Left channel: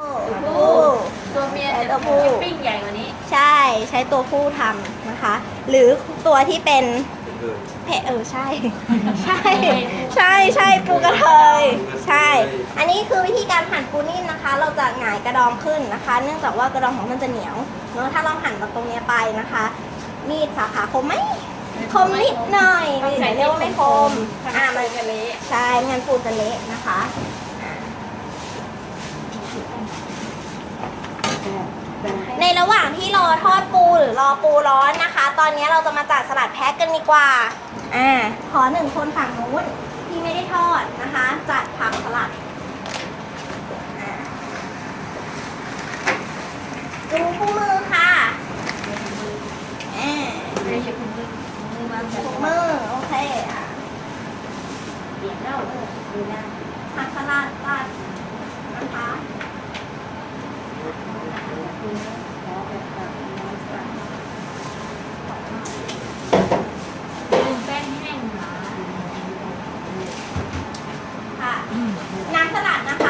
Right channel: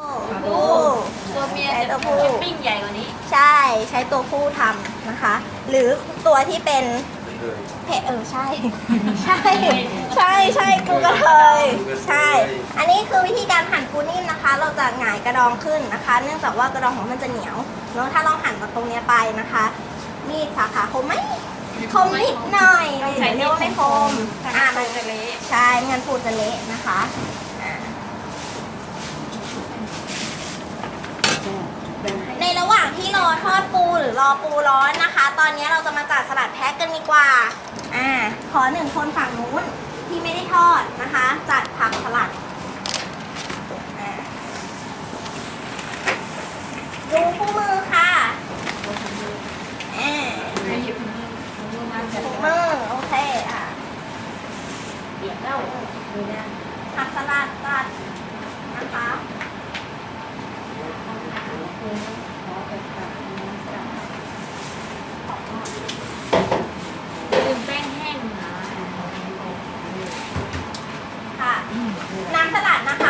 ผู้ตัวเมียใช้จะตัวผู้ปิ้งใหญ่กว่านี้ ใช่ใช้ตัวผู้ทำนะคะ หรือตัวที่เป็นเพเออใช่ ใช่ ใช่ใช่ปูกระเทยใช่ อันนี้คือวิธีการหั่นปูนิ่มนะคะ เราจะหงายกระดองขึ้นนะคะ เนื่องจากว่ากระดองของมันจะเหนียวเนอะถ้าเราหั่นจากตรงเนี้ยไปนะคะมีดสาขาคมไหมคมนิดหน่อยเดี๋ยวเรียกว่าไม่คมอ่ามันจะเละใช่ไม่งั้นปูจะเละนะคะ ในระหว่างที่รอทอดปูหรือรอปูร้อนนะคะ ตอนนี้เราจะมาจัดสลัดแพ็คกันดีกว่า อ่า ขอหนึ่งคนฝั่งนู้นที่ไม่ได้ทอดนะคะ จัดผักสลัดอ่าดูคู่มือค่ะอ่าหยิบมือมือมาจับคู่มือโอเคค่ะเดี๋ยวเราดูนะผักสลัดจัดนะคะ ลืมแป้งแห้งมา ค่ะ น้ำสลัดนะคะ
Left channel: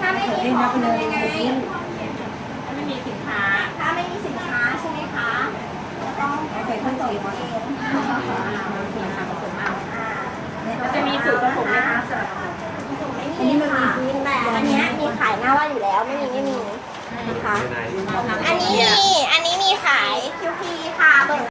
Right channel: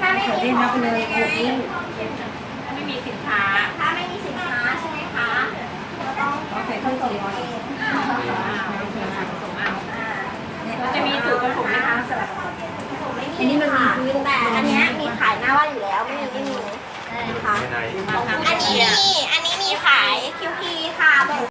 ถ้าไม่มีของมันยังไงถ้าไม่มีสินค้า ถ้าไม่มีสินค้าใช่ไหมคะก็ต้องผสมเองเราจะมีสูตรผสมไหมคะสลัดอันนี้มันมีพื้นแต่อันนี้มีขายหน้าว่าอยู่แล้วไม่มีไม่มีนะคะอันนี้มีอันนี้มีขายคิวพีค่ะ